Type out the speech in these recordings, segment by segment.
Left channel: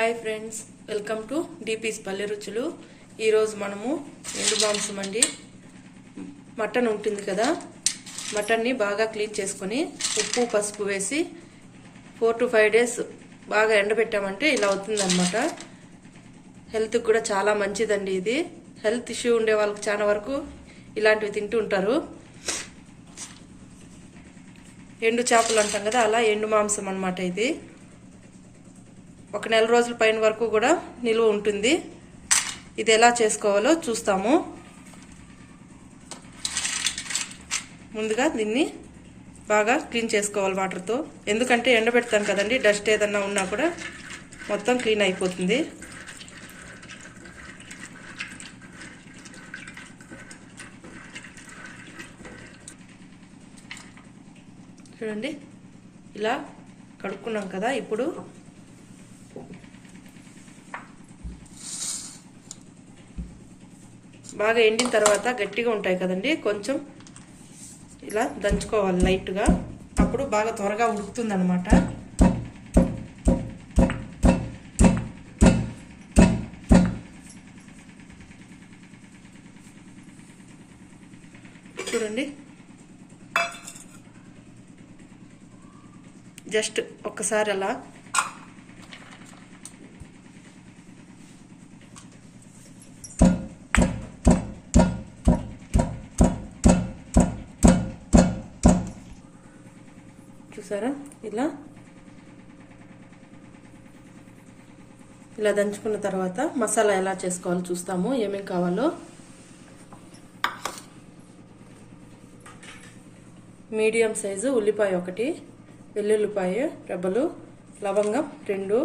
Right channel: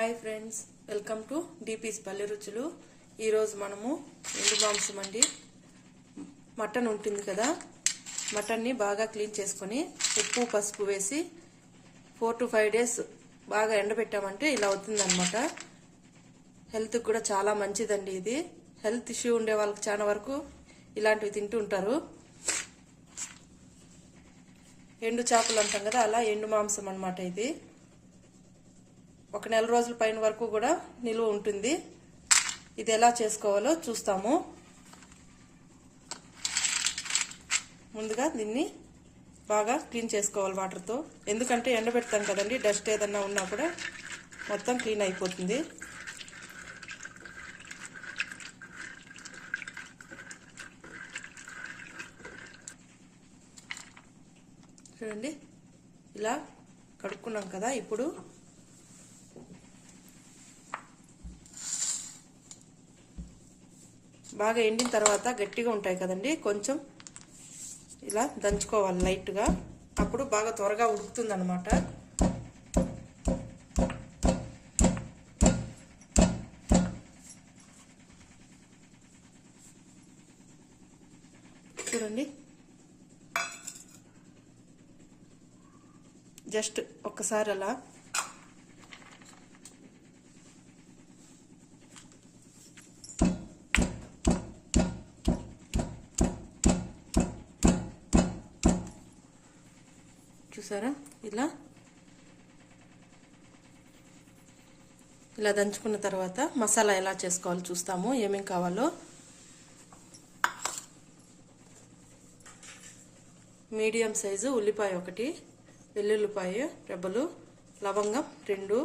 Hi friends welcome to DPs పల్లె రుచులు. ఈరోజు మనము ఎండు మాంసం అండి. మటన్ ఉంటుంది కదా మటన్ని బాగా క్లీన్ చేసుకొని ఉప్పు పసుపు వేసి ఫోర్ టు ఫైవ్ డేస్ బాగా ఎండబెట్టామంటే ఇలా అవుతుందన్నమాట. హెల్త్కి కూడా చాలా మంచిదండి ఇది. హెల్త్ ఇష్యూ ఉండే వాళ్ళకి చాలా వరకు ఇలాంటివి తింటూ ఉంటారు. ఎండు చేపలు అంటాం కదా అలా ఎండు మాంసం అన్నమాట ఇది. ఒక నెల రోజుల పైన వరకు కూడా నిలువ ఉంటుంది. ఇది ఎలా చేసుకోవాలో చూస్తాము. ముందుగా దీన్ని బాగా క్లీన్ చేసుకోవాలి వాటర్తో. ఎందుకంటే ఎండబెడతాం కదండి డస్ట్ ఏదన్నా ఉన్నా కూడా మొత్తం క్లీన్ అయిపోతుంది. చూడండి ఇలా కడుక్కున్నాం కదా ఇప్పుడు. బాగా ఎండిన తర్వాత గట్టిగా ఉంటాయి కదండి కొంచెం ఇలా దంచుకోవాలి లైట్గా. అప్పుడు బాగా త్వరగా ఉడుకుతుంది అనమాట చూడండి. జస్ట్ ఒక్కసారి అలా చూసారా? ఇలా. ఇలా దంచుకున్న తర్వాత మసాలా ఎలా చేసుకోవాలో చూస్తాము. ఏమేం కావాలో. మీడియం సైజు ఉల్లిపాయ ఒకటి వెల్లుల్లిపాయ రెబ్బలు లవంగం రెండు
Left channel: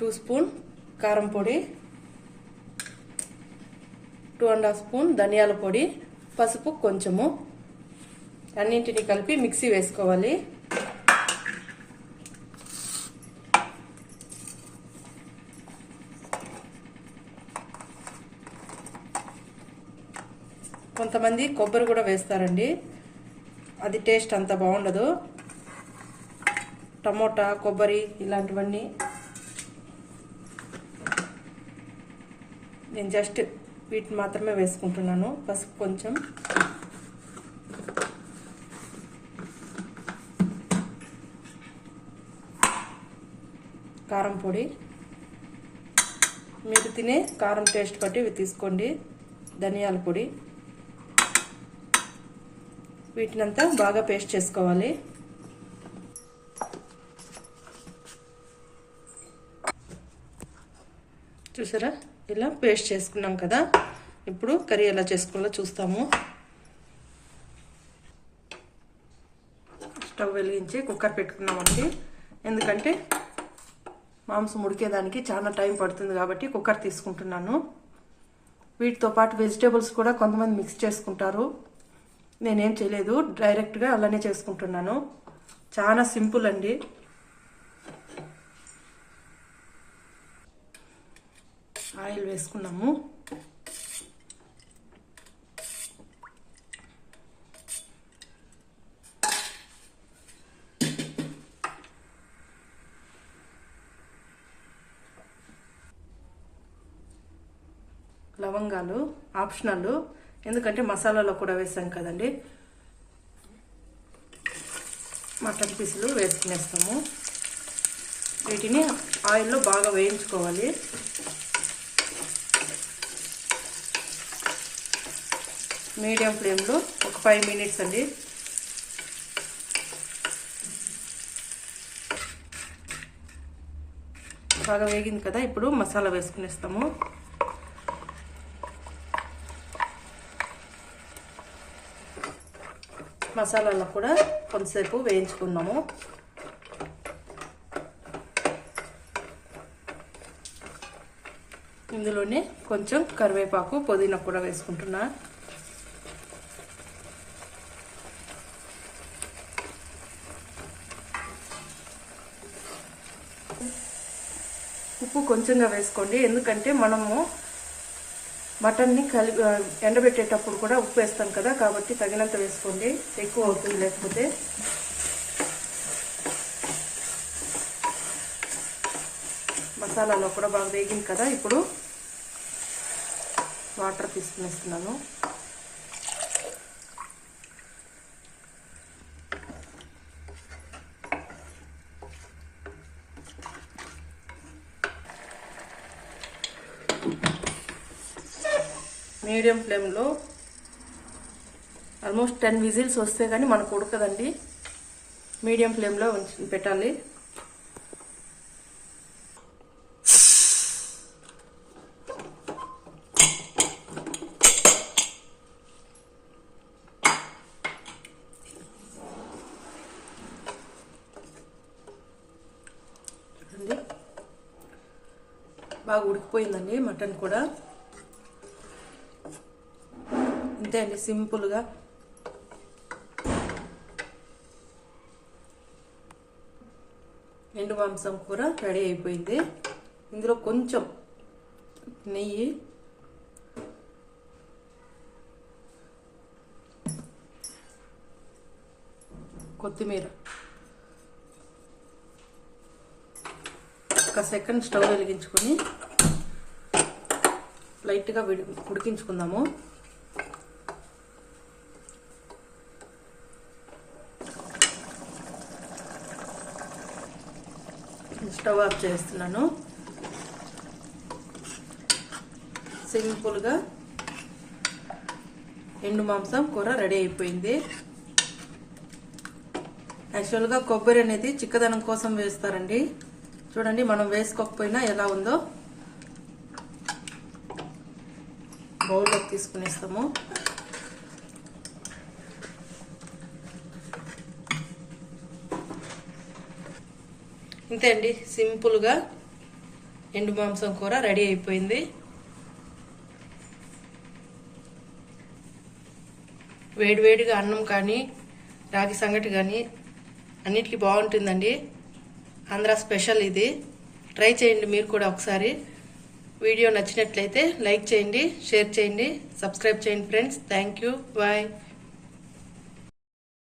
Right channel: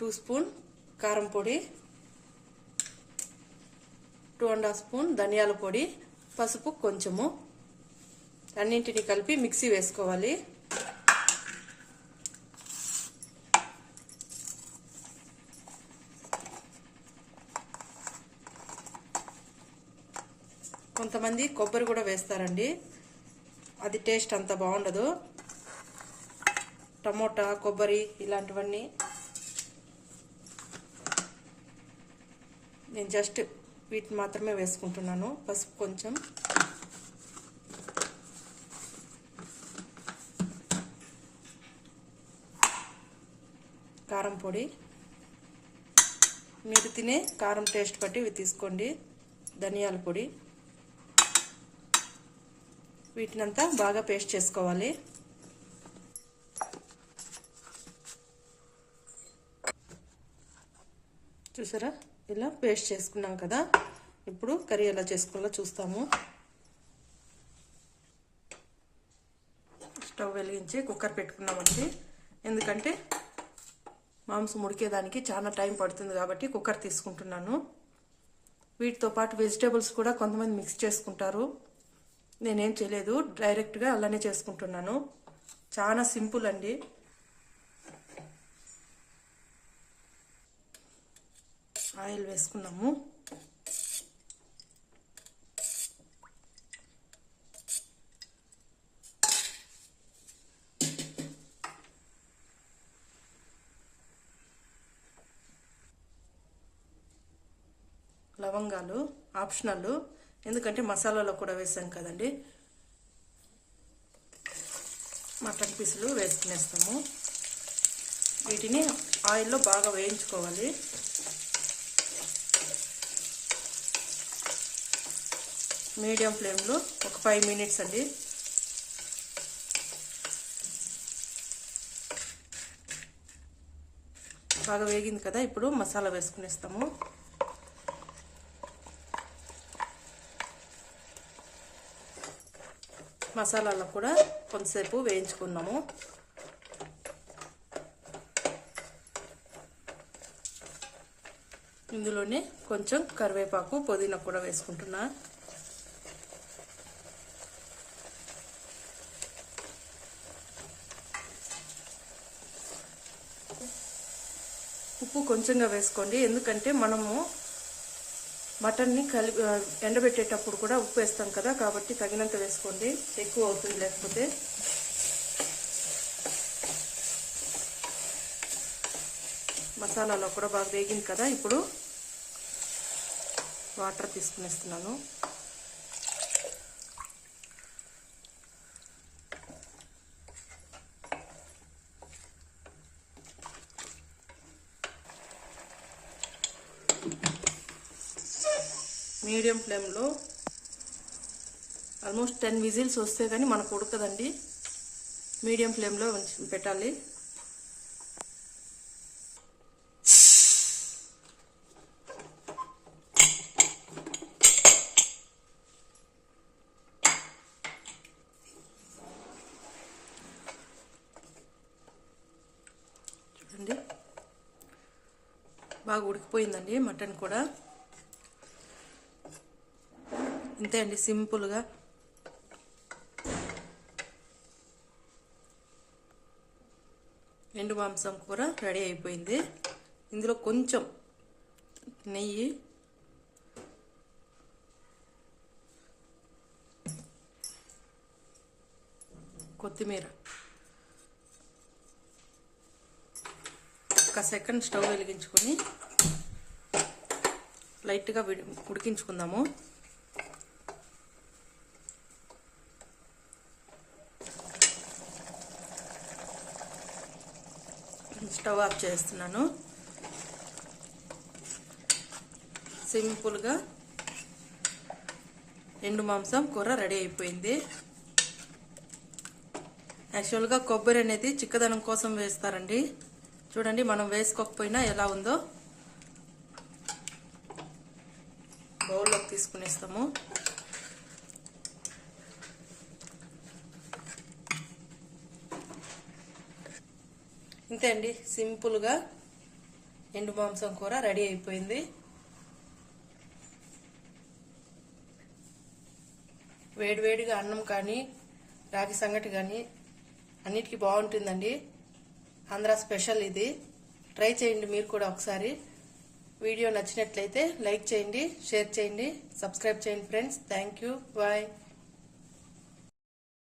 టూ స్పూన్ కారం పొడి టూ అండ్ హాఫ్ స్పూన్ ధనియాల పొడి పసుపు కొంచెము. అన్నింటినీ కలిపి మిక్సీ వేసుకోవాలి. కొంతమంది కొబ్బరి కూడా వేస్తారండి. అది టేస్ట్ అంత బాగుండదు. టమోటా కొబ్బరి ఇలాంటివన్నీ నేను జస్ట్ వీటిని మాత్రమే వేసుకుంటున్నాను. పసుపు కొంచెం. కారం పొడి. మీరు తినే కారం టేస్ట్ బట్టి ఇవి తీసుకోండి. ధనియాల పొడి. వీటినంతా బాగా పేస్ట్ చేసుకోవాలి. చూసారా? ఇలా పేస్ట్ చేసుకున్నాం కదా. ఇప్పుడు కర్రీ ఎలా చేసుకోవాలో చూస్తాము. స్టవ్ వెలిగించి కుక్కర్ పెట్టుకున్నామండి. ఎందుకంటే మాంసం ఉడికేదానికి చాలా టైం పడుతుంది కాబట్టి కుక్కర్ తీసుకుంటున్నాను. వీటితో పాటు వెజిటేబుల్స్ కూడా కొంతమంది మిక్స్ చేసుకుంటారు. నేనేం చేయలేదు డైరెక్ట్గా అలానే చేసుకుంటున్నాను. చాలా సింపుల్ అండి. ఆయిల్ వేసుకున్నాము. లవంగాలు ఆప్షనల్ ఎందుకంటే మసాలాలో కూడా వేసాం కదండి. మటన్ పీసులు వేసుకునేస్తాము. వీటిని ఆయిల్లో బాగా వేయించుకోవాలి. మీడియం ఫ్లేమ్లో ఒక ఫైవ్ మినిట్స్ అండి. బాగా వేగింది కదా ఇప్పుడు మసాలా వేసుకునేస్తాము. మసాలాలో కూడా కొంతసేపు వేయించుకున్నాము. ఇందులోనే కొంచెం కరివేపాకు పుదీనా కూడా వేసుకుంటున్నా. ఉప్పు కొంచెంగా వేసుకోండి. ఎందుకంటే మనము మటన్ని కలిపి ఎండబెట్టేటప్పుడు కూడా ఉప్పు వేస్తాం కదా కాబట్టి తగినంత వేసుకోండి. ఎక్కువ అవుతుంది లేకపోతే. మసాలాలో కూడా బాగా వేగింది కదా ఇప్పుడు వాటర్ తీసుకునేస్తున్నాము. మీడియం ఫ్లేమ్లో ఆల్మోస్ట్ టెన్ విజిల్స్ వస్తే కానీ మనకు ఉడకదండి. మీడియం ఫ్లేమ్లో ఉంచి పెట్టాలి. బాగా ఉడికిపోయిందండి మటన్ కూడా. అంతే అండి సింపుల్గా. ఎండు మాంసం కూర రెడీ అయిపోయింది. ఇందులో కొంచెం నెయ్యి. కొత్తిమీర. ఒక సెకండ్ స్టవ్ వెలిగించుకొని లైట్గా విడి ఉడికించుకుందాము. స్టవ్ ఆఫ్ చేస్తున్నాను. సింపుల్గా ఎండు మాంసం కూర రెడీ అయిపోయింది. యాక్చువల్గా కొబ్బరి అనేది చిక్కదనం కోసం వేస్తారండి. చూడండి మనం వేసుకోకపోయినా ఎలా ఉందో బౌల్లోకి తీసుకునేస్తాము. ఇంతే అండి. సింపుల్గా ఎండు మాంసం కూర రెడీ అయిపోయింది. వేడివేడిగా అన్నం కానీ రాగి సంగటి కానీ అన్నిటికీ బాగుంటుందండి. ఆంధ్ర స్పెషల్ ఇది. ట్రై చేయండి మీరు కూడా ఒకసారి. వీడియో నచ్చినట్లయితే లైక్ చేయండి షేర్ చేయండి సబ్స్క్రైబ్ చేయండి ఫ్రెండ్స్. Thank you. బాయ్.